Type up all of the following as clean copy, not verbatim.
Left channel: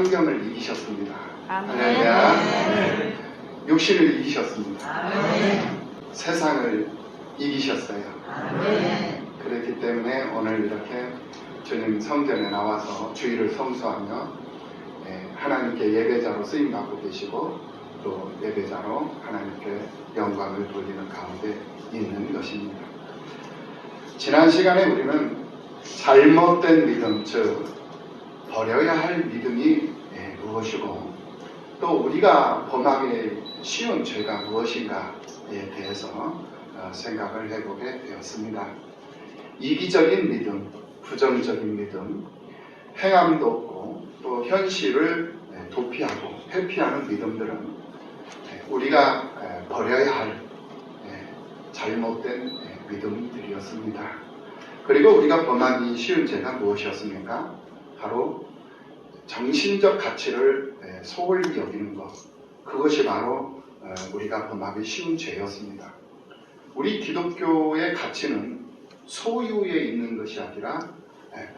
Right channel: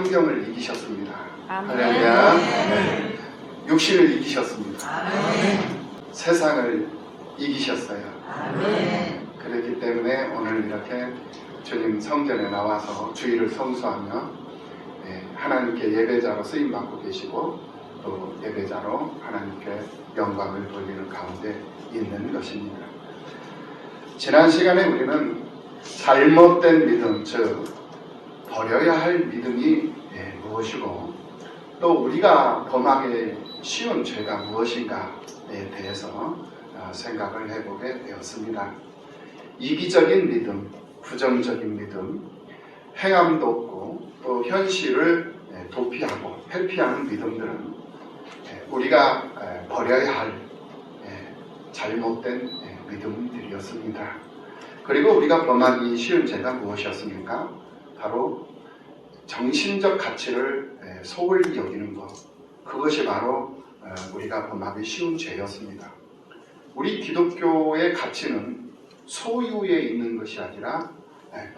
환경을 이기셨습니다. 아멘. 네. 육신을 이기셨습니다. 아멘. 세상을 이기셨어요. 아멘. 그렇기 때문에 오늘 이렇게 주님 성전에 나와서 주의를 성수하며 하나님께 예배자로 쓰임받고 계시고 또 예배자로 하나님께 영광을 돌리는 가운데 있는 것입니다. 지난 시간에 우리는 잘못된 믿음, 즉 버려야 할 믿음이 무엇이고 또 우리가 범하기 쉬운 죄가 무엇인가에 대해서 생각을 해보게 되었습니다. 이기적인 믿음, 부정적인 믿음, 행함도 없고 또 현실을 도피하고 회피하는 믿음들은 우리가 버려야 할 잘못된 믿음들이었습니다. 그리고 우리가 범하기 쉬운 죄가 무엇이었습니까? 바로 정신적 가치를 소홀히 여기는 것, 그것이 바로 우리가 범하기 쉬운 죄였습니다. 우리 기독교의 가치는 소유에 있는 것이 아니라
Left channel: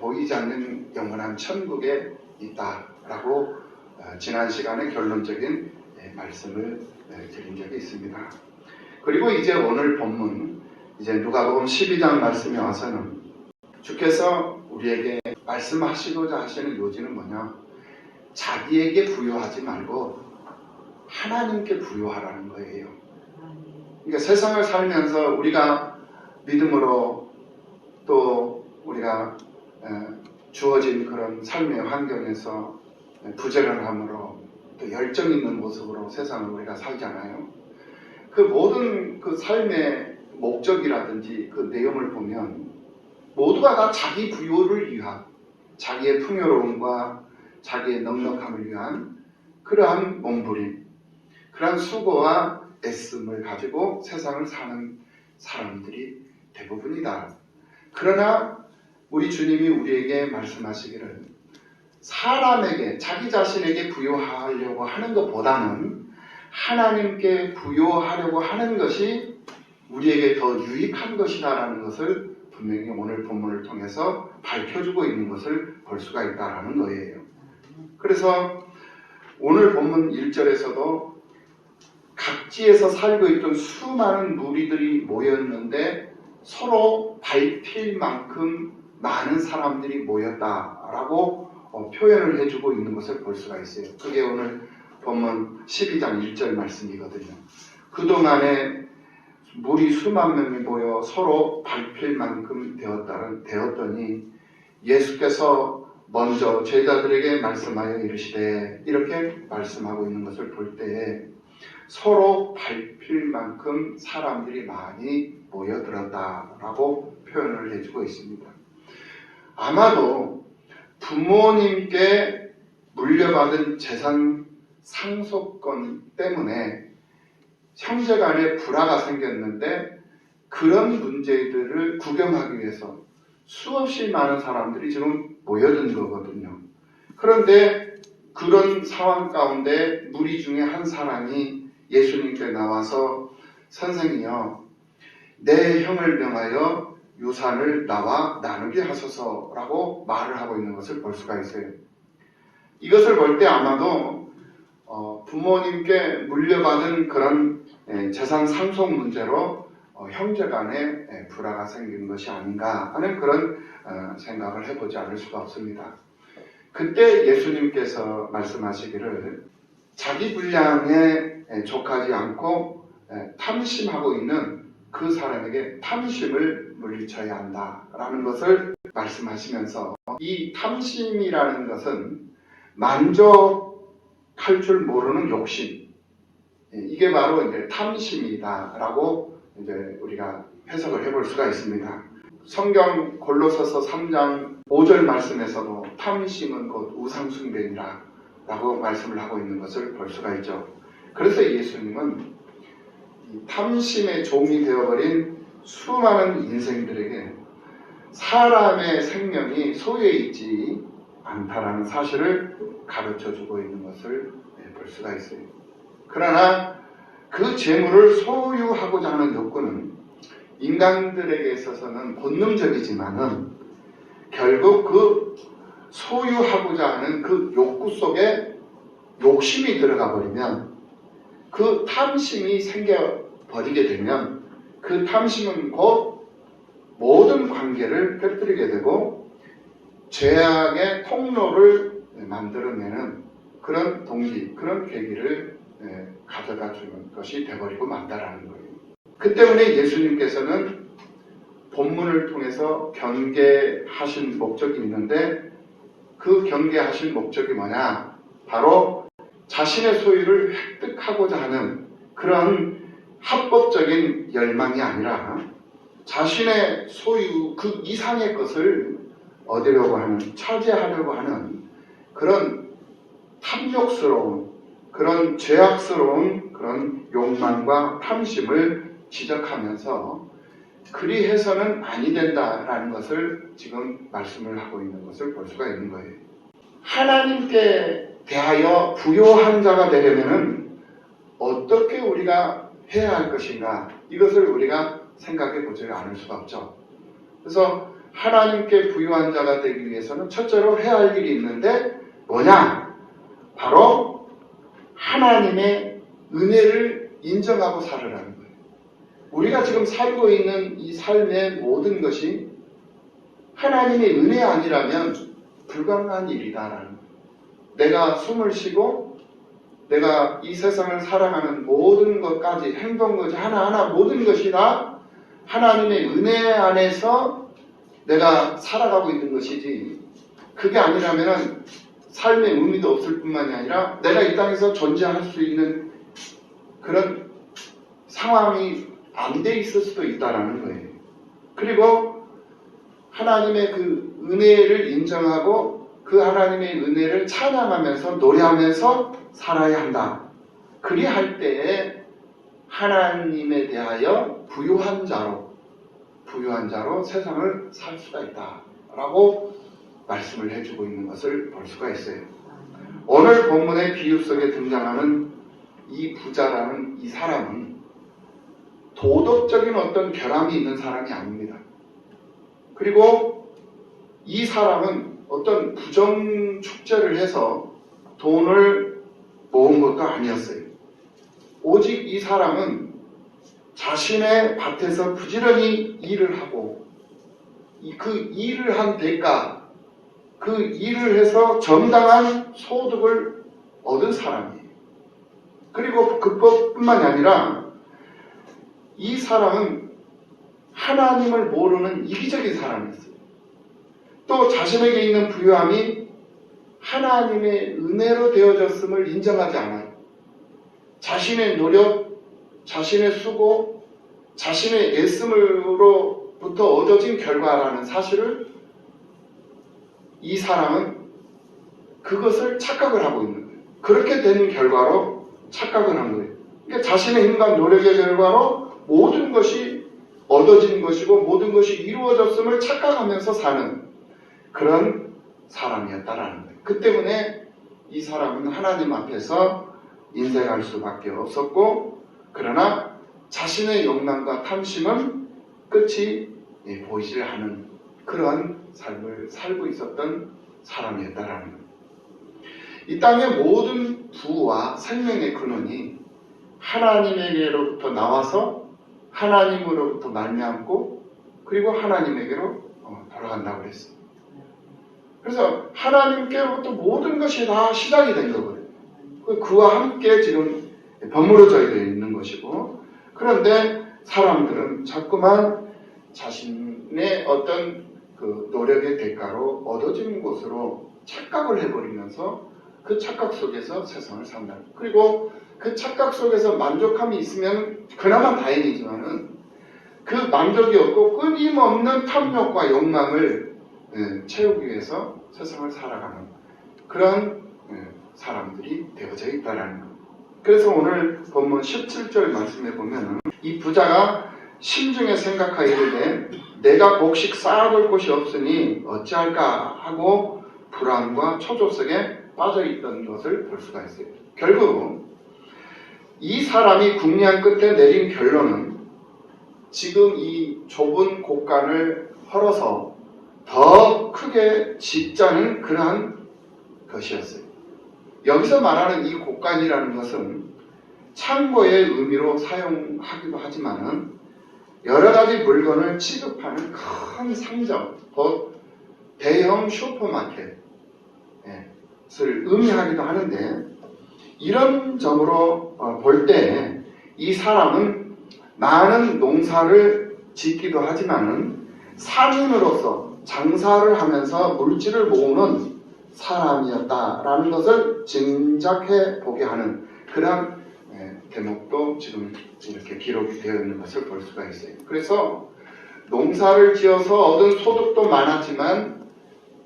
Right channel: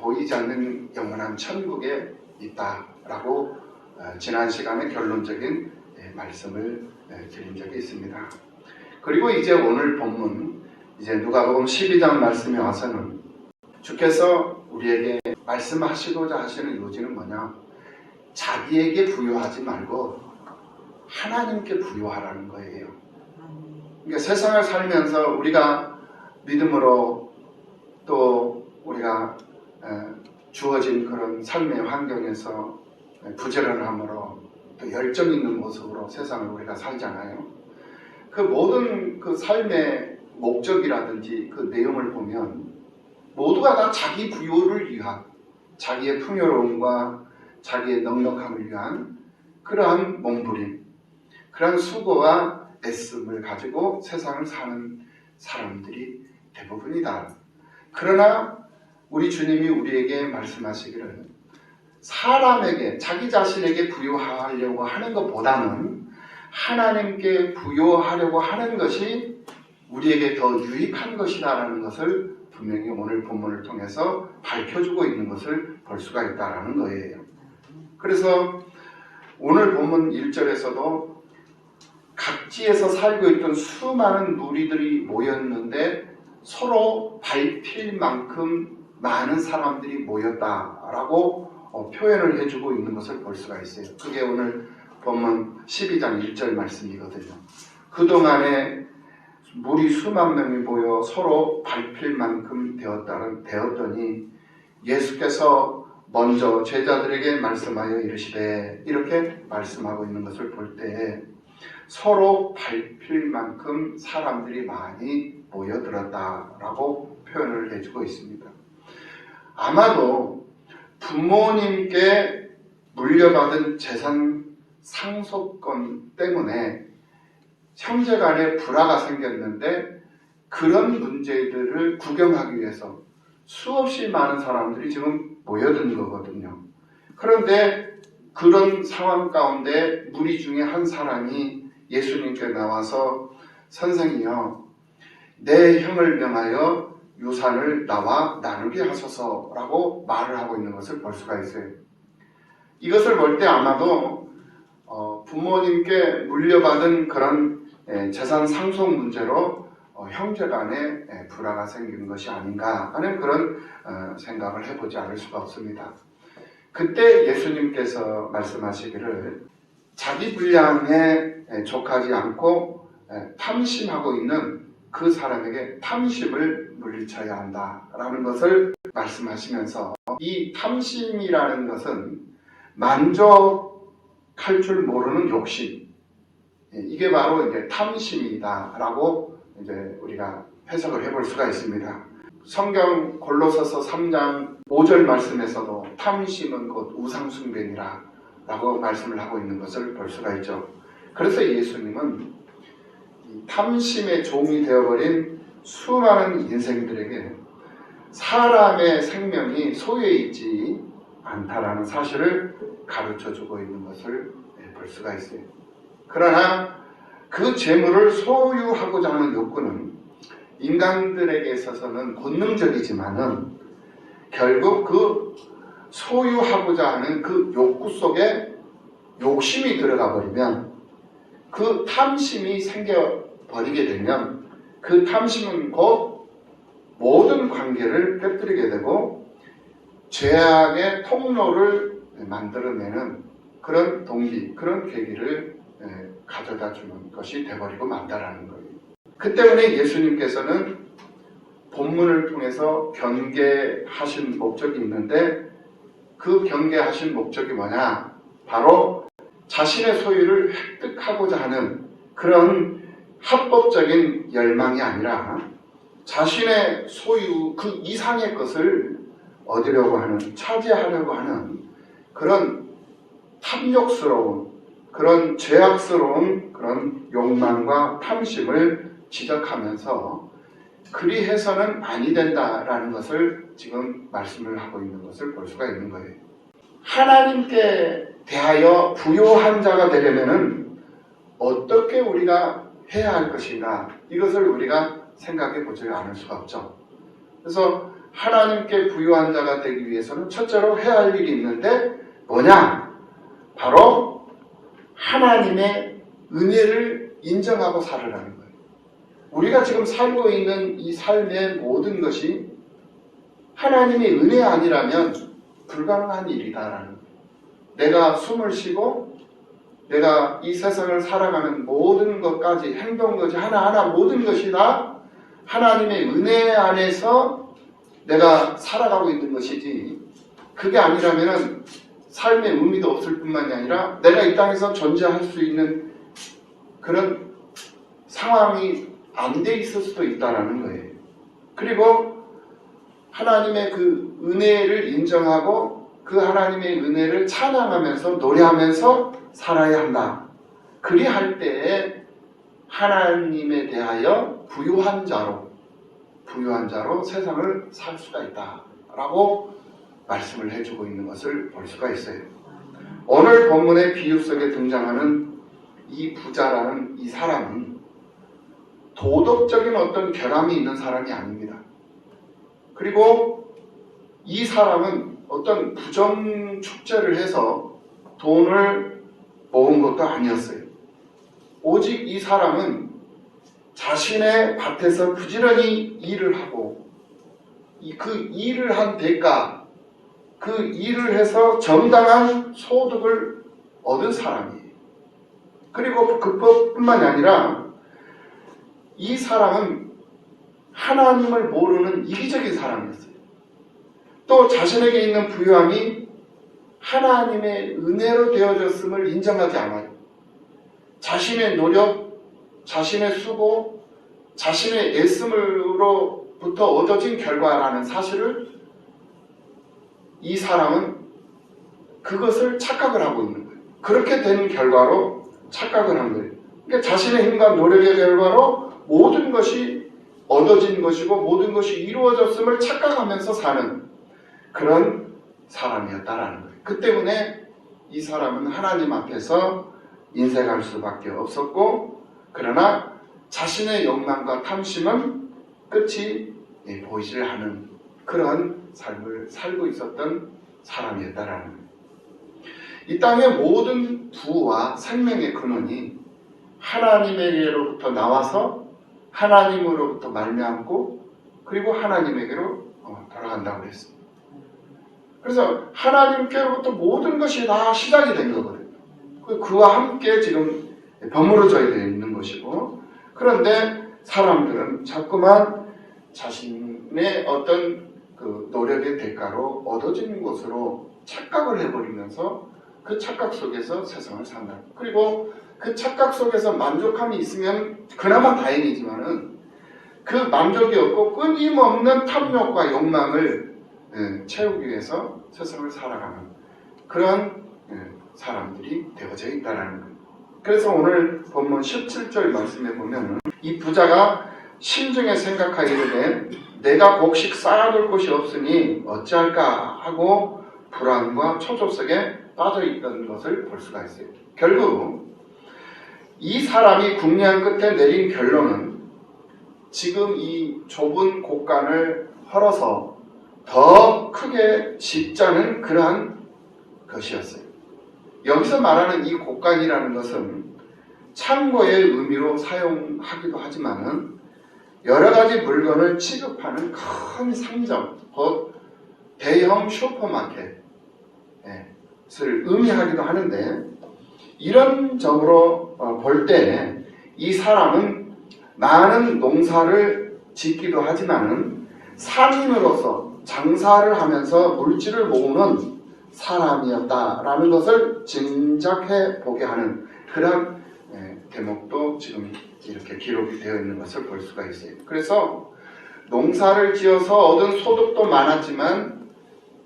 보이지 않는 영원한 천국에 있다라고 지난 시간에 결론적인 말씀을 드린 적이 있습니다. 그리고 이제 오늘 본문 이제 누가복음 12장 말씀에 와서는 주께서 우리에게 말씀하시고자 하시는 요지는 뭐냐? 자기에게 부여하지 말고 하나님께 부여하라는 거예요. 그러니까 세상을 살면서 우리가 믿음으로 또 우리가 주어진 그런 삶의 환경에서 부지런함으로 또 열정 있는 모습으로 세상을 우리가 살잖아요. 그 모든 그 삶의 목적이라든지 그 내용을 보면 모두가 다 자기 부요를 위한 자기의 풍요로움과 자기의 넉넉함을 위한 그러한 몸부림, 그러한 수고와 애씀을 가지고 세상을 사는 사람들이 대부분이다. 그러나 우리 주님이 우리에게 말씀하시기를 사람에게 자기 자신에게 부여하려고 하는 것보다는 하나님께 부여하려고 하는 것이 우리에게 더 유익한 것이다라는 것을 분명히 오늘 본문을 통해서 밝혀주고 있는 것을 볼 수가 있다라는 거예요. 그래서 오늘 본문 1절에서도 각지에서 살고 있던 수많은 무리들이 모였는데 서로 밟힐 만큼 많은 사람들이 모였다라고 표현을 해주고 있는 것을 볼 수가 있어요. 그게 오늘 본문 12장 1절 말씀이거든요. 그동안에 무리 수만 명이 모여 서로 밟힐 만큼 되었더니 예수께서 먼저 제자들에게 말씀하여 이르시되 이렇게 말씀하고 있는 것을 볼 때에 서로 밟힐 만큼 사람들이 많이 모여들었다라고 표현을 해주고 있습니다. 아마도 부모님께 물려받은 재산 상속권 때문에 형제간에 불화가 생겼는데 그런 문제들을 구경하기 위해서 수없이 많은 사람들이 지금 모여든 거거든요. 그런데 그런 상황 가운데 무리 중에 한 사람이 예수님께 나와서 선생이여 내 형을 명하여 유산을 나와 나누게 하소서라고 말을 하고 있는 것을 볼 수가 있어요. 이것을 볼 때 아마도 부모님께 물려받은 그런 재산 상속 문제로 형제 간에 불화가 생긴 것이 아닌가 하는 그런 생각을 해보지 않을 수가 없습니다. 그때 예수님께서 말씀하시기를 자기 분량에 족하지 않고 탐심하고 있는 그 사람에게 탐심을 물리쳐야 한다라는 것을 말씀하시면서 이 탐심이라는 것은 만족할 줄 모르는 욕심, 이게 바로 이제 탐심이다라고 이제 우리가 해석을 해볼 수가 있습니다. 성경 골로새서 3장 5절 말씀에서도 탐심은 곧 우상숭배니라 라고 말씀을 하고 있는 것을 볼 수가 있죠. 그래서 예수님은 이 탐심의 종이 되어버린 수많은 인생들에게 사람의 생명이 소유에 있지 않다라는 사실을 가르쳐주고 있는 것을 볼 수가 있어요. 그러나 그 재물을 소유하고자 하는 욕구는 인간들에게 있어서는 본능적이지만은 결국 그 소유하고자 하는 그 욕구 속에 욕심이 들어가 버리면, 그 탐심이 생겨버리게 되면 그 탐심은 곧 모든 관계를 깨뜨리게 되고 죄악의 통로를 만들어내는 그런 동기, 그런 계기를 가져다 주는 것이 되어버리고 만다라는 거예요. 그 때문에 예수님께서는 본문을 통해서 경계하신 목적이 있는데, 그 경계하신 목적이 뭐냐? 바로 자신의 소유를 획득하고자 하는 그런 합법적인 열망이 아니라 자신의 소유 그 이상의 것을 얻으려고 하는, 차지하려고 하는 그런 탐욕스러운, 그런 죄악스러운 그런 욕망과 탐심을 지적하면서 그리해서는 아니 된다라는 것을 지금 말씀을 하고 있는 것을 볼 수가 있는 거예요. 하나님께 대하여 부요한 자가 되려면은 어떻게 우리가 해야 할 것인가, 이것을 우리가 생각해 보지 않을 수가 없죠. 그래서 하나님께 부요한 자가 되기 위해서는 첫째로 해야 할 일이 있는데 뭐냐? 바로 하나님의 은혜를 인정하고 살으라는 거예요. 우리가 지금 살고 있는 이 삶의 모든 것이 하나님의 은혜 아니라면 불가능한 일이다라는 거예요. 내가 숨을 쉬고 내가 이 세상을 살아가는 모든 것까지, 행동까지 하나하나 모든 것이 다 하나님의 은혜 안에서 내가 살아가고 있는 것이지, 그게 아니라면 삶의 의미도 없을 뿐만이 아니라 내가 이 땅에서 존재할 수 있는 그런 상황이 안 돼 있을 수도 있다는 거예요. 그리고 하나님의 그 은혜를 인정하고 그 하나님의 은혜를 찬양하면서 노래하면서 살아야 한다. 그리할 때에 하나님에 대하여 부유한 자로 세상을 살 수가 있다라고 말씀을 해주고 있는 것을 볼 수가 있어요. 오늘 본문의 비유 속에 등장하는 이 부자라는 이 사람은 도덕적인 어떤 결함이 있는 사람이 아닙니다. 그리고 이 사람은 어떤 부정축제를 해서 돈을 모은 것도 아니었어요. 오직 이 사람은 자신의 밭에서 부지런히 일을 하고 그 일을 한 대가, 그 일을 해서 정당한 소득을 얻은 사람이에요. 그리고 그것뿐만이 아니라 이 사람은 하나님을 모르는 이기적인 사람이었어요. 또 자신에게 있는 부유함이 하나님의 은혜로 되어졌음을 인정하지 않아요. 자신의 노력, 자신의 수고, 자신의 애씀으로부터 얻어진 결과라는 사실을 이 사람은 그것을 착각을 하고 있는 거예요. 그렇게 되는 결과로 착각을 하는 거예요. 그러니까 자신의 힘과 노력의 결과로 모든 것이 얻어진 것이고 모든 것이 이루어졌음을 착각하면서 사는 그런 사람이었다라는 거예요. 그 때문에 이 사람은 하나님 앞에서 인생할 수밖에 없었고, 그러나 자신의 욕망과 탐심은 끝이 보이질 않은 그러한 삶을 살고 있었던 사람이었다라는 거예요. 이 땅의 모든 부와 생명의 근원이 하나님에게로부터 나와서 하나님으로부터 말미암고 그리고 하나님에게로 돌아간다고 그랬습니다. 그래서 하나님께로부터 모든 것이 다 시작이 된 거거든요. 그와 함께 지금 버무려져 있는 것이고, 그런데 사람들은 자꾸만 자신의 어떤 그 노력의 대가로 얻어지는 것으로 착각을 해버리면서 그 착각 속에서 세상을 산다. 그리고 그 착각 속에서 만족함이 있으면 그나마 다행이지만은 그 만족이 없고 끊임없는 탐욕과 욕망을 채우기 위해서 세상을 살아가는 그런 사람들이 되어져 있다라는 거예요. 그래서 오늘 본문 17절 말씀에 보면 이 부자가 심중에 생각하기를 내가 곡식 쌓아둘 곳이 없으니 어찌할까 하고 불안과 초조 속에 빠져 있던 것을 볼 수가 있어요. 결국 이 사람이 궁리한 끝에 내린 결론은 지금 이 좁은 곳간을 헐어서 더 크게 짓자는 그러한 것이었어요. 여기서 말하는 이 곡간이라는 것은 창고의 의미로 사용하기도 하지만은 여러 가지 물건을 취급하는 큰 상점, 곧 대형 슈퍼마켓을 의미하기도 하는데, 이런 점으로 볼 때 이 사람은 많은 농사를 짓기도 하지만은 상인으로서 장사를 하면서 물질을 모으는 사람이었다라는 것을 짐작해 보게 하는 그런 대목도 지금 이렇게 기록이 되어 있는 것을 볼 수가 있어요. 그래서 농사를 지어서 얻은 소득도 많았지만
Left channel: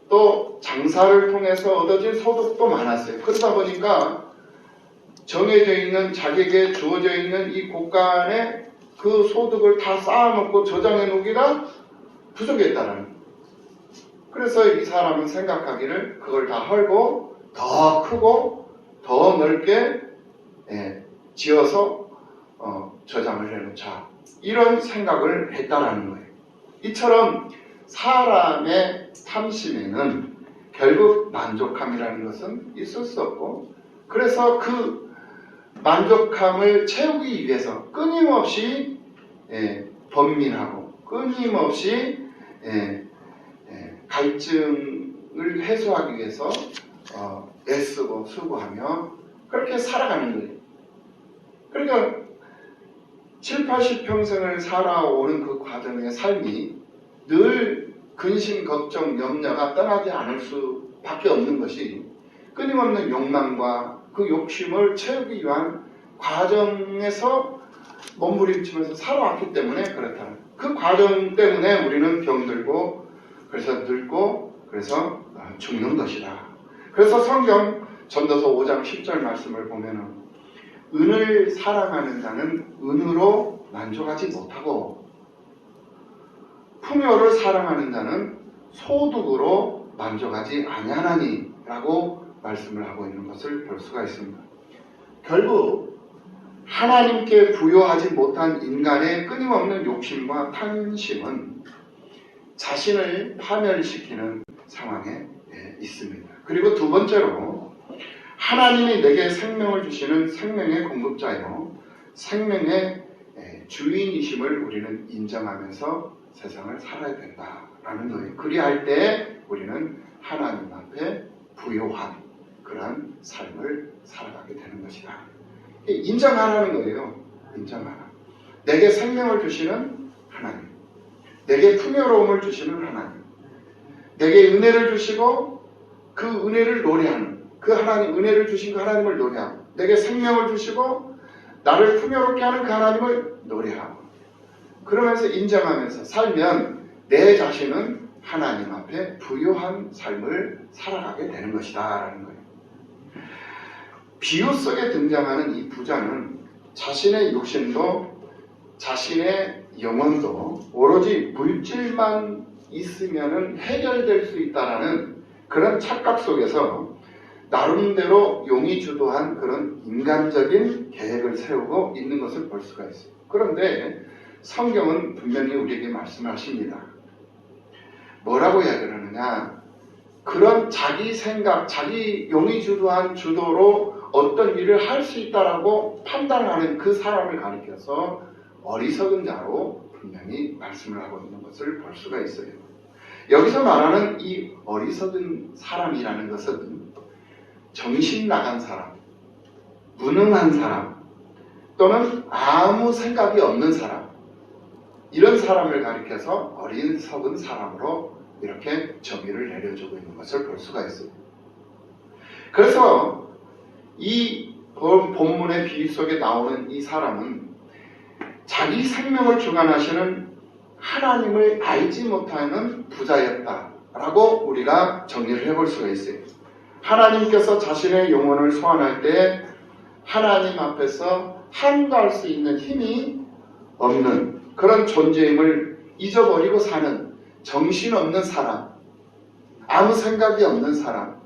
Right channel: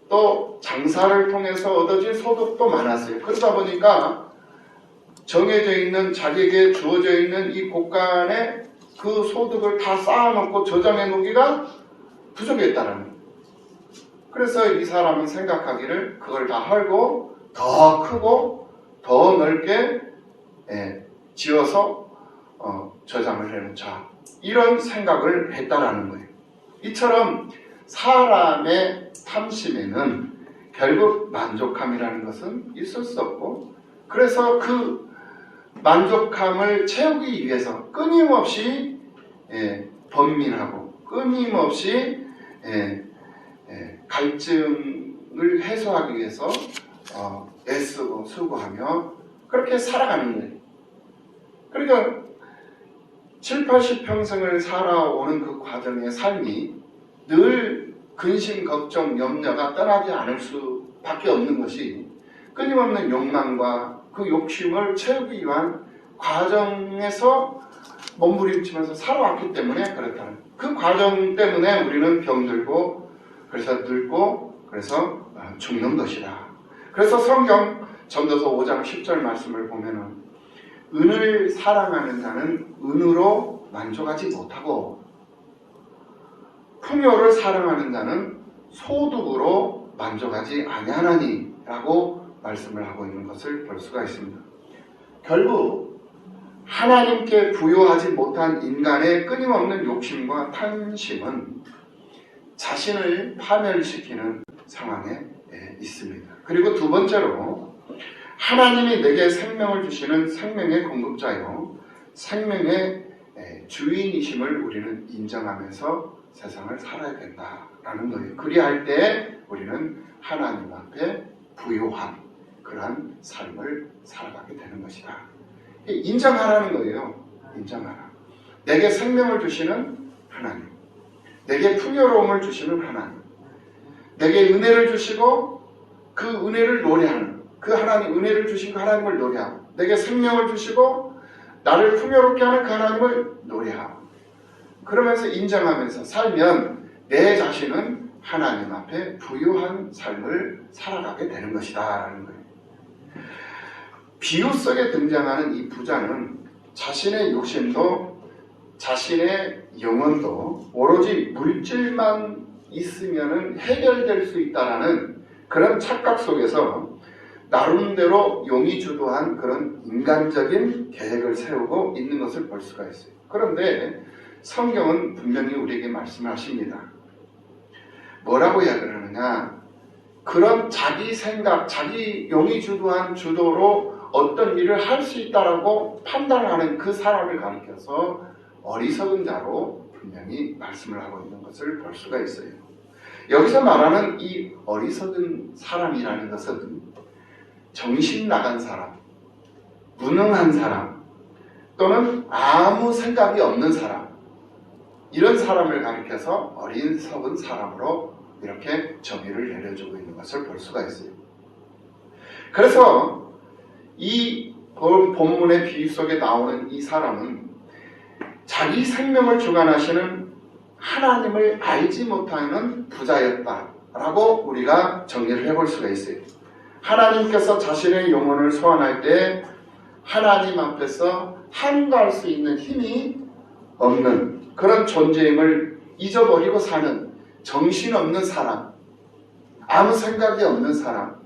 또 장사를 통해서 얻어진 소득도 많았어요. 그러다 보니까 정해져 있는, 자기에게 주어져 있는 이 곳간에 그 소득을 다 쌓아놓고 저장해 놓기가 부족했다는 거예요. 그래서 이 사람은 생각하기를 그걸 다 헐고 더 크고 더 넓게 지어서 저장을 해놓자, 이런 생각을 했다라는 거예요. 이처럼 사람의 탐심에는 결국 만족함이라는 것은 있을 수 없고, 그래서 그 만족함을 채우기 위해서 끊임없이 번민하고 끊임없이 갈증을 해소하기 위해서 애쓰고 수고하며 그렇게 살아가는 거예요. 그러니까 7, 80평생을 살아오는 그 과정의 삶이 늘 근심, 걱정, 염려가 떠나지 않을 수밖에 없는 것이 끊임없는 욕망과 그 욕심을 채우기 위한 과정에서 몸부림치면서 살아왔기 때문에 그렇다는, 그 과정 때문에 우리는 병들고 그래서 늙고 그래서 죽는 것이다. 그래서 성경 전도서 5장 10절 말씀을 보면은 은을 사랑하는 자는 은으로 만족하지 못하고 풍요를 사랑하는 자는 소득으로 만족하지 아니하나니 라고 말씀을 하고 있는 것을 볼 수가 있습니다. 결국 하나님께 부여하지 못한 인간의 끊임없는 욕심과 탐심은 자신을 파멸시키는 상황에 있습니다. 그리고 두 번째로, 하나님이 내게 생명을 주시는 생명의 공급자요 생명의 주인이심을 우리는 인정하면서 세상을 살아야 된다라는 거예요. 그리할 때 우리는 하나님 앞에 부요한 그러한 삶을 살아가게 되는 것이다. 인정하라는 거예요. 인정하라. 내게 생명을 주시는 하나님, 내게 풍요로움을 주시는 하나님, 내게 은혜를 주시고 그 은혜를 노래하는, 그 하나님, 은혜를 주신 그 하나님을 노래하고, 내게 생명을 주시고 나를 풍요롭게 하는 그 하나님을 노래하고, 그러면서 인정하면서 살면 내 자신은 하나님 앞에 부유한 삶을 살아가게 되는 것이다 라는 거예요. 비유 속에 등장하는 이 부자는 자신의 욕심도 자신의 영혼도 오로지 물질만 있으면 해결될 수 있다라는 그런 착각 속에서 나름대로 용이 주도한 그런 인간적인 계획을 세우고 있는 것을 볼 수가 있어요. 그런데 성경은 분명히 우리에게 말씀하십니다. 뭐라고 이야기를 하느냐, 그런 자기 생각, 자기 용이 주도한 주도로 어떤 일을 할 수 있다라고 판단하는 그 사람을 가리켜서 어리석은 자로 분명히 말씀을 하고 있는 것을 볼 수가 있어요. 여기서 말하는 이 어리석은 사람이라는 것은 정신 나간 사람, 무능한 사람, 또는 아무 생각이 없는 사람, 이런 사람을 가리켜서 어리석은 사람으로 이렇게 정의를 내려주고 있는 것을 볼 수가 있어요. 그래서 이 본문의 비유 속에 나오는 이 사람은 자기 생명을 주관하시는 하나님을 알지 못하는 부자였다라고 우리가 정의를 해볼 수가 있어요. 하나님께서 자신의 영혼을 소환할 때 하나님 앞에서 한가할 수 있는 힘이 없는 그런 존재임을 잊어버리고 사는 정신없는 사람, 아무 생각이 없는 사람,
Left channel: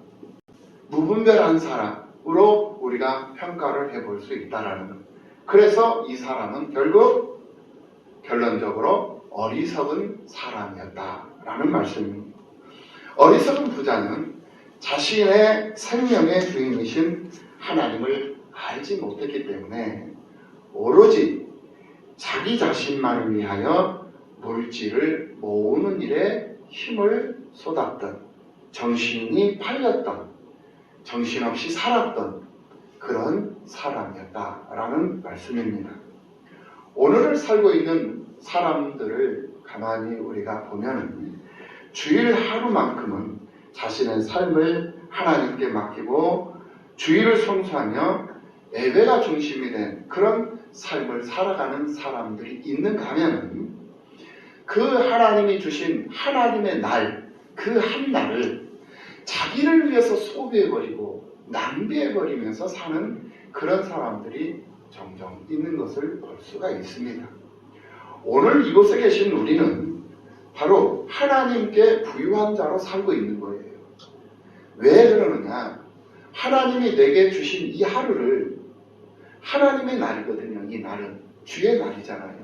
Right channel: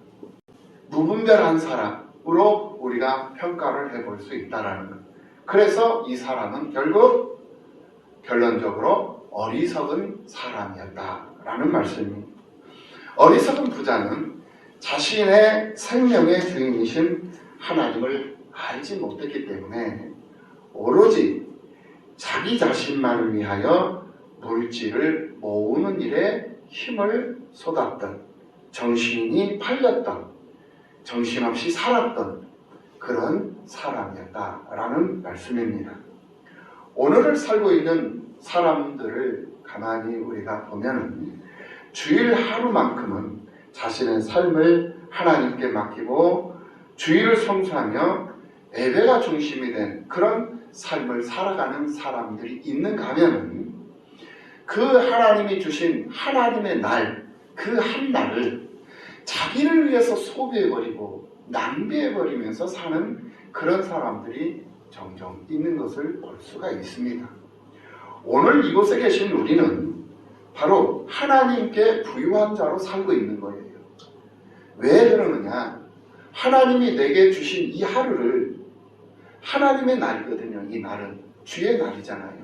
무분별한 사람으로 우리가 평가를 해볼 수 있다는 것. 그래서 이 사람은 결국 결론적으로 어리석은 사람이었다라는 말씀이 어리석은 부자는 자신의 생명의 주인이신 하나님을 알지 못했기 때문에 오로지 자기 자신만을 위하여 물질을 모으는 일에 힘을 쏟았던, 정신이 팔렸던, 정신없이 살았던 그런 사람이었다라는 말씀입니다. 오늘을 살고 있는 사람들을 가만히 우리가 보면 주일 하루만큼은 자신의 삶을 하나님께 맡기고 주일을 성수하며 예배가 중심이 된 그런 삶을 살아가는 사람들이 있는가 하면 그 하나님이 주신 하나님의 날, 그 한 날을 자기를 위해서 소비해버리고 낭비해버리면서 사는 그런 사람들이 종종 있는 것을 볼 수가 있습니다. 오늘 이곳에 계신 우리는 바로 하나님께 부유한 자로 살고 있는 거예요. 왜 그러느냐? 하나님이 내게 주신 이 하루를, 하나님의 날이거든요. 이 날은 주의 날이잖아요.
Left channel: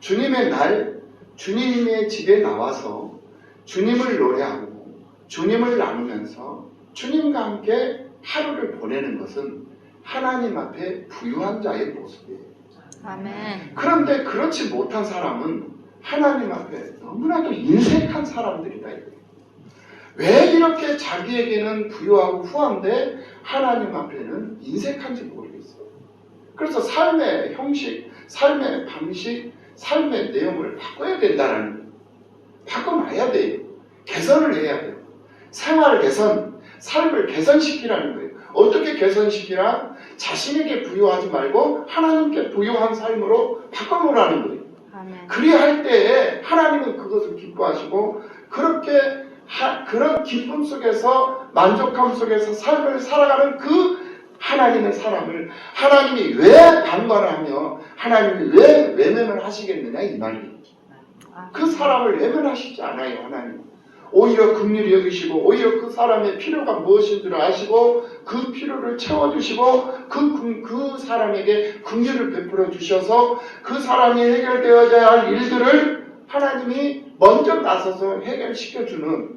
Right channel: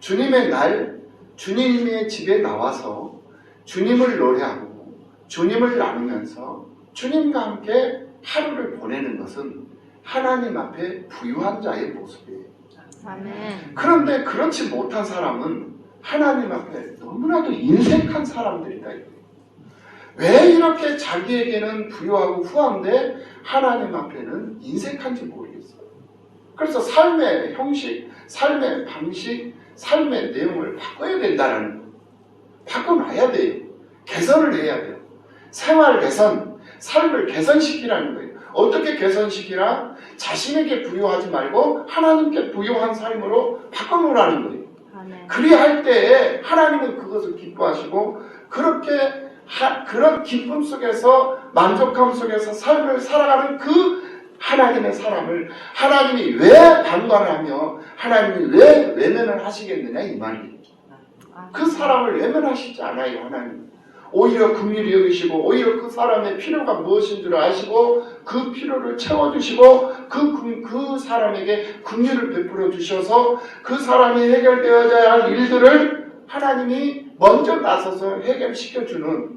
주님의 날, 주님의 집에 나와서 주님을 노래하고 주님을 나누면서 주님과 함께 하루를 보내는 것은 하나님 앞에 부유한 자의 모습이에요. 아멘. 그런데 그렇지 못한 사람은 하나님 앞에 너무나도 인색한 사람들이다. 왜 이렇게 자기에게는 부유하고 후한데 하나님 앞에는 인색한지 모르겠어요. 그래서 삶의 형식, 삶의 방식, 삶의 내용을 바꿔야 된다는 거예요. 바꿔놔야 돼요. 개선을 해야 돼요. 생활 개선, 삶을 개선시키라는 거예요. 어떻게 개선시키라? 자신에게 부유하지 말고 하나님께 부유한 삶으로 바꿔놓으라는 거예요. 아멘. 그리할 때에 하나님은 그것을 기뻐하시고 그렇게 그런 기쁨 속에서 만족함 속에서 삶을 살아가는 그 하나님의 사람을 하나님이 왜 방관하며 하나님이 왜 외면을 하시겠느냐 이 말이에요. 그 사람을 외면하시지 않아요. 하나님 오히려 긍휼히 여기시고 오히려 그 사람의 필요가 무엇인 줄 아시고 그 필요를 채워주시고 그 사람에게 긍휼을 베풀어 주셔서 그 사람이 해결되어야 할 일들을 하나님이 먼저 나서서 해결시켜주는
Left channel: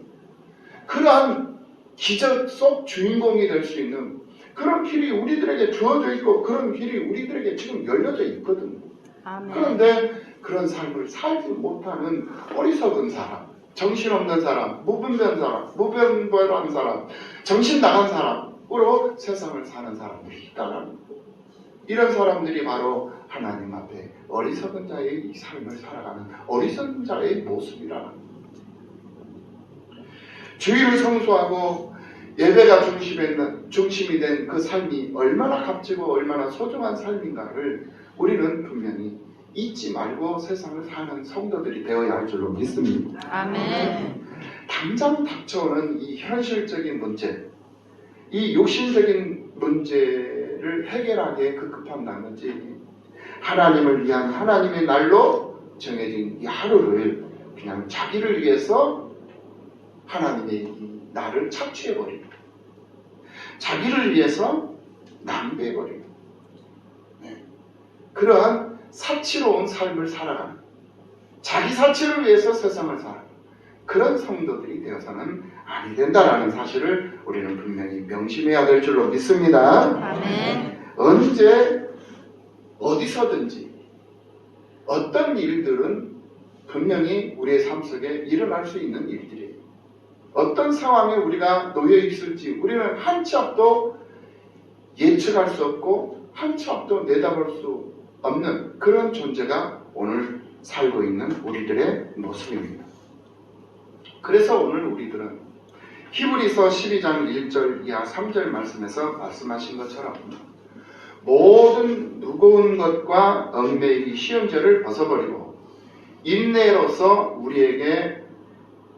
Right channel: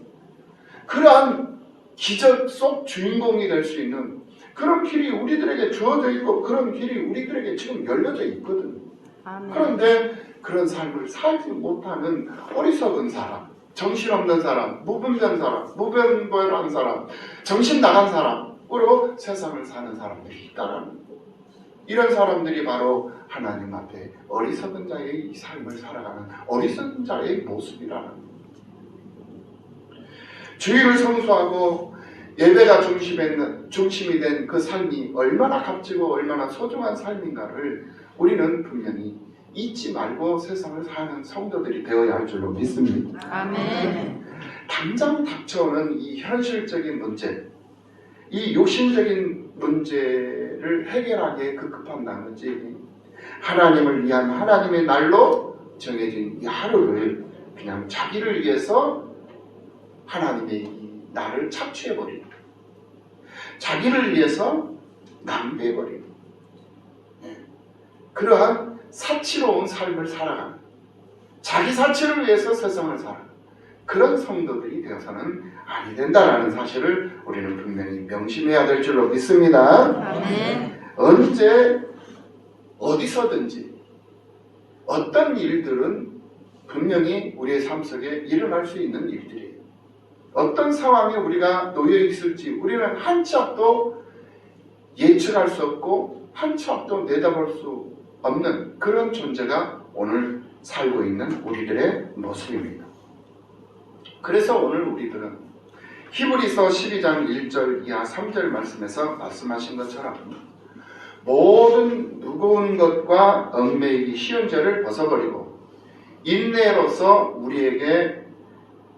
그러한 기적 속 주인공이 될 수 있는 그런 길이 우리들에게 주어져 있고 그런 길이 우리들에게 지금 열려져 있거든요. 아멘. 그런데 그런 삶을 살지 못하는 어리석은 사람, 정신없는 사람, 무분별한 사람, 무분별한 사람, 정신 나간 사람으로 세상을 사는 사람들이 있다는 거예요. 이런 사람들이 바로 하나님 앞에 어리석은 자의 이 삶을 살아가는 어리석은 자의 모습이라는 거예요. 주일을 성수하고 예배가 중심이 된 그 삶이 얼마나 값지고 얼마나 소중한 삶인가를 우리는 분명히 잊지 말고 세상을 사는 성도들이 되어야 할 줄로 믿습니다. 아멘. 당장 닥쳐오는 이 현실적인 문제, 이 욕심적인 문제를 해결하기에 급급한 나머지 하나님을 위한 하나님의 날로 정해진 이 하루를 그냥 자기를 위해서 하나님의 이 날을 착취해버리고 자기를 위해서 낭비해버리고 그러한 사치로운 삶을 살아가는 자기 사치를 위해서 세상을 살아가는 그런 성도들이 되어서는 아니 된다라는 사실을 우리는 분명히 명심해야 될 줄로 믿습니다. 아멘. 언제 어디서든지 어떤 일들은 분명히 우리의 삶 속에 일어날 수 있는 일들이에요. 어떤 상황에 우리가 놓여 있을지 우리는 한 치 앞도 예측할 수 없고 한 치 앞도 내다볼 수 없는 그런 존재가 오늘 살고 있는 우리들의 모습입니다. 그래서 오늘 우리들은 히브리서 12장 1절 이하 3절 말씀에서 말씀하신 것처럼 모든 무거운 것과 얽매이기 쉬운 죄를 벗어버리고 인내로서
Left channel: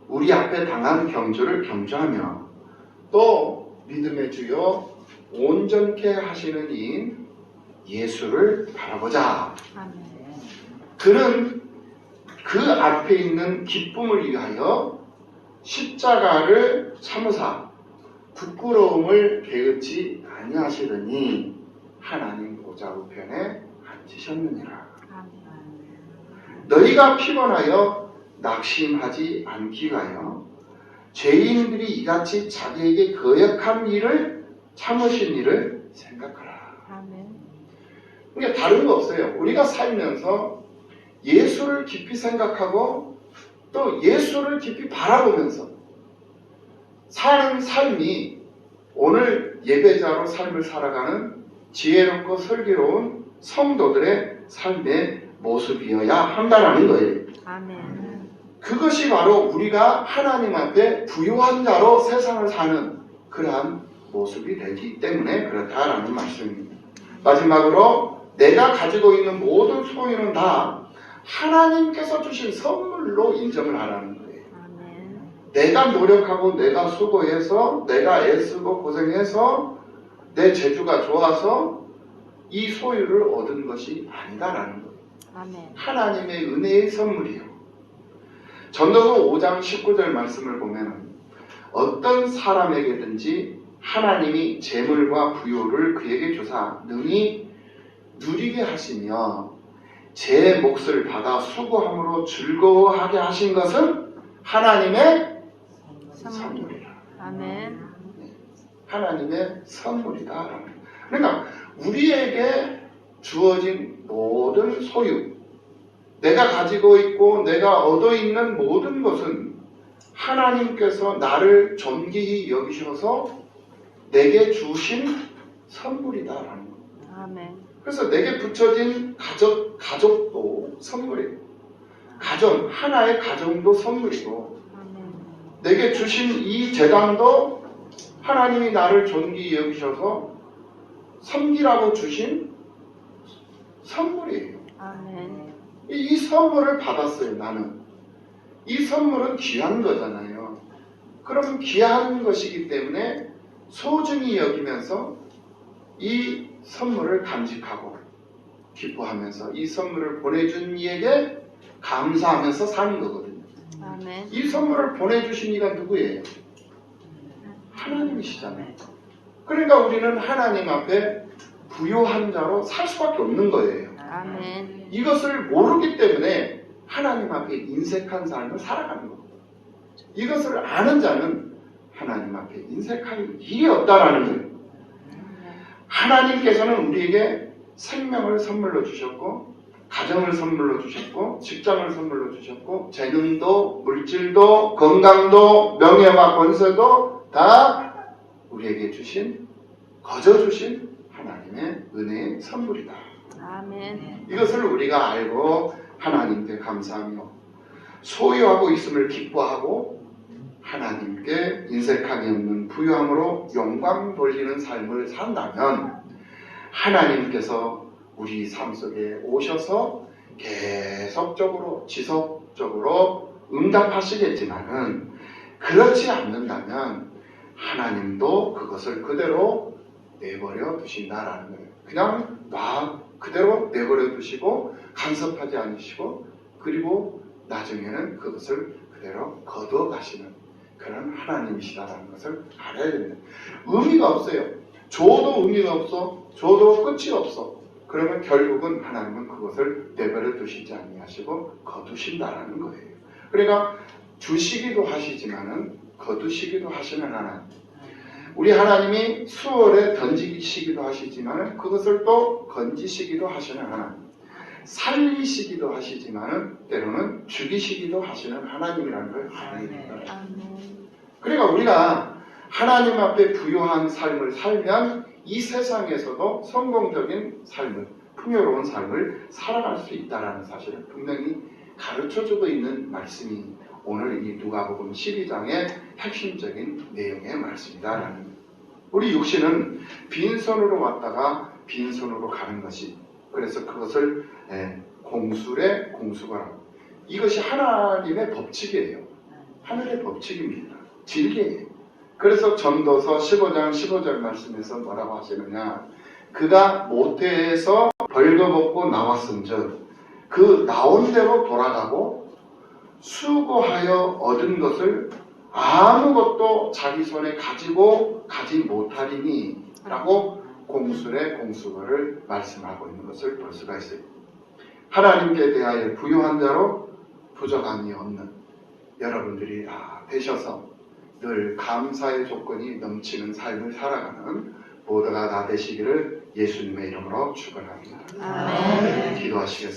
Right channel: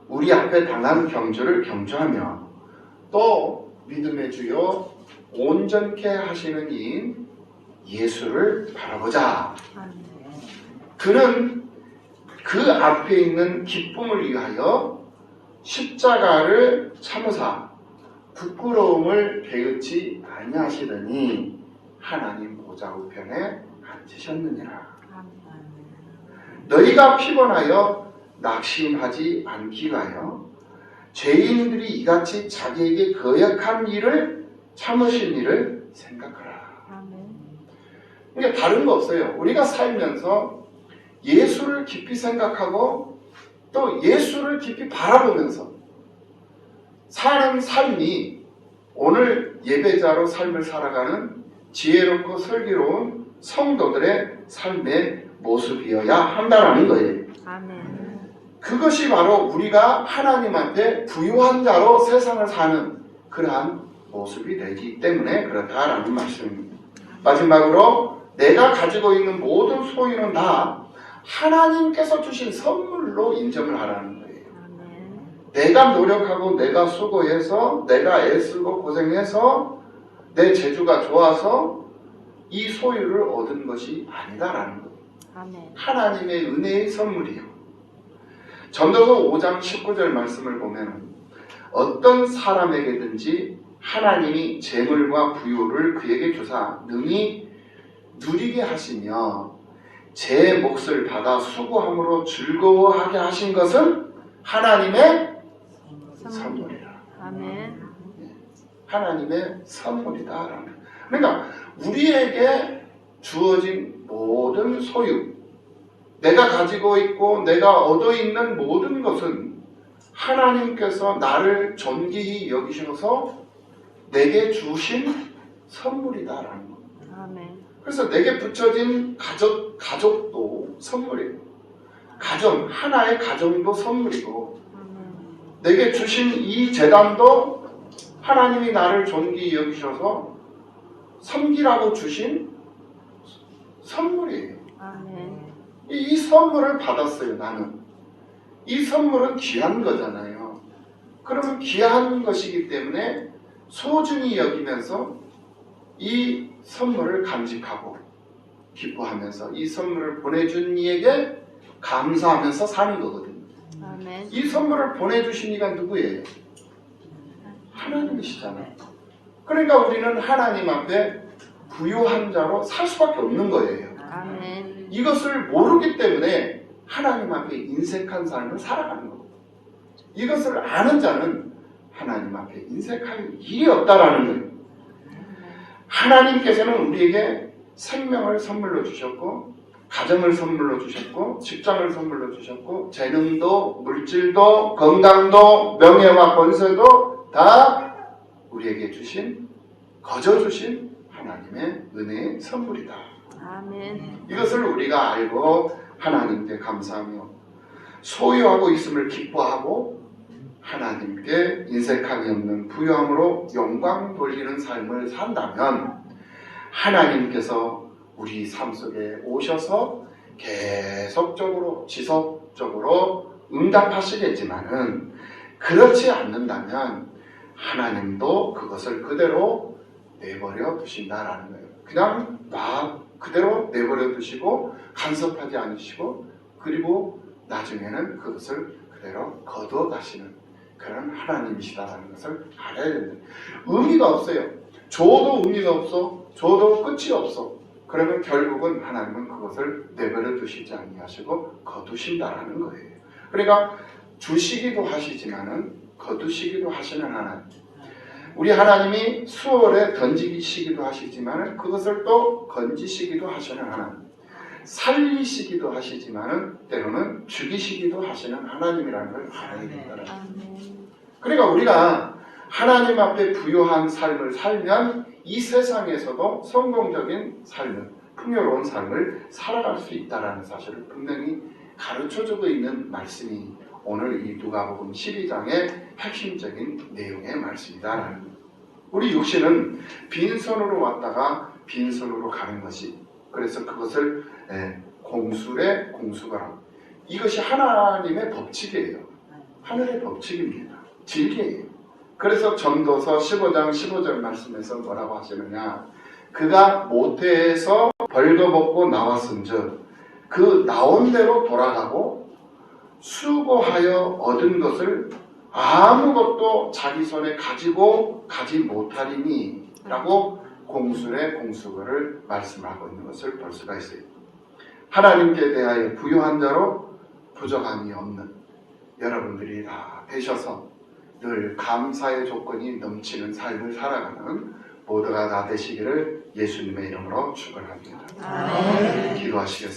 우리 앞에 당한 경주를 경주하며 또 믿음의 주요 온전케 하시는 이인 예수를 바라보자. 아멘. 그는 그 앞에 있는 기쁨을 위하여 십자가를 참으사 부끄러움을 개의치 아니하시더니 하나님 보좌 우편에 앉으셨느니라. 아멘. 너희가 피곤하여 낙심하지 않기 위하여 죄인들이 이같이 자기에게 거역한 일을 참으신 일을 생각하라. 아멘. 그러니까 다른 거 없어요. 우리가 살면서 예수를 깊이 생각하고 또 예수를 깊이 바라보면서 사는 삶이 오늘 예배자로 삶을 살아가는 지혜롭고 슬기로운 성도들의 삶의 모습이어야 한다는 거예요. 아멘. 그것이 바로 우리가 하나님 앞에 부유한 자로 세상을 사는 그러한 모습이 되기 때문에 그렇다라는 말씀입니다. 마지막으로 내가 가지고 있는 모든 소유는 다 하나님께서 주신 선물로 인정을 하라는 거예요. 아멘. 내가 노력하고 내가 수고해서 내가 애쓰고 고생해서 내 재주가 좋아서 이 소유를 얻은 것이 아니다라는 거예요. 아멘. 하나님의 은혜의 선물이요. 전도서 5장 19절 말씀을 보면 어떤 사람에게든지 하나님이 재물과 부유를 그에게 주사 능히 누리게 하시며 제 몫을 받아 수고함으로 즐거워하게 하신 것은 하나님의 선물이라. 아멘. 하나님의 선물이다. 그러니까 우리에게 주어진 모든 소유, 내가 가지고 있고 내가 얻어 있는 모든 것은 하나님께서 나를 존귀히 여기셔서 내게 주신 선물이다라는 거. 아멘. 그래서 내게 붙여진 가족도 선물이고, 가정 하나의 가정도 선물이고, 아멘. 내게 주신 이 재단도 하나님이 나를 존귀히 여기셔서 섬기라고 주신 선물이에요. 아멘. 이 선물을 받았어요. 나는 이 선물은 귀한 거잖아요. 그러면 귀한 것이기 때문에 소중히 여기면서 이 선물을 간직하고 기뻐하면서 이 선물을 보내준 이에게 감사하면서 사는 거거든요. 아멘. 이 선물을 보내주신 이가 누구예요? 하나님이시잖아요. 그러니까 우리는 하나님 앞에 부유한 자로 살 수밖에 없는 거예요. 아멘. 이것을 모르기 때문에 하나님 앞에 인색한 삶을 살아가는 거고, 이것을 아는 자는 하나님 앞에 인색할 일이 없다라는 거예요. 하나님께서는 우리에게 생명을 선물로 주셨고, 가정을 선물로 주셨고, 직장을 선물로 주셨고, 재능도 물질도 건강도 명예와 권세도 다 우리에게 주신, 거저 주신 하나님의 은혜의 선물이다. 아멘. 이것을 우리가 알고 하나님께 감사하며 소유하고 있음을 기뻐하고 하나님께 인색함이 없는 부유함으로 영광 돌리는 삶을 산다면 하나님께서 우리 삶 속에 오셔서 계속적으로 지속적으로 응답하시겠지만은 그렇지 않는다면 하나님도 그것을 그대로 내버려 두신다라는 거예요. 그냥 그대로 내버려 두시고 간섭하지 않으시고 그리고 나중에는 그것을 그대로 거두어 가시는 그런 하나님이시다라는 것을 알아야 됩니다. 의미가 없어요. 줘도 의미가 없어. 줘도 끝이 없어. 그러면 결국은 하나님은 그것을 내버려 두시지 아니하시고 거두신다라는 거예요. 그러니까 주시기도 하시지만은 거두시기도 하시는 하나님. 우리 하나님이 수월에 던지시기도 하시지만은 그것을 또 건지시기도 하시는 하나님. 살리시기도 하시지만은 때로는 죽이시기도 하시는 하나님이라는 걸 알아야 된다. 그러니까 우리가 하나님 앞에 부유한 삶을 살면 이 세상에서도 성공적인 삶을, 풍요로운 삶을 살아갈 수 있다는 사실을 분명히 가르쳐주고 있는 말씀이 오늘 이 누가복음 12장의 핵심적인 내용의 말씀이다. 우리 육신은 빈손으로 왔다가 빈손으로 가는 것이, 그래서 그것을 공술에 공수거라. 이것이 하나님의 법칙이에요. 하늘의 법칙입니다. 진리예요. 그래서 전도서 15장 15절 말씀에서 뭐라고 하시느냐, 그가 모태에서 벌거벗고 나왔은즉 그 나온 대로 돌아가고 수고하여 얻은 것을 아무것도 자기 손에 가지고 가지 못하리니 라고 공술의 공수거를 말씀하고 있는 것을 볼 수가 있어요. 하나님께 대하여 부유한 자로 부족함이 없는 여러분들이 다 되셔서 늘 감사의 조건이 넘치는 삶을 살아가는 모두가 다 되시기를 예수님의 이름으로 축원합니다. 아멘. 기도하시겠습니다.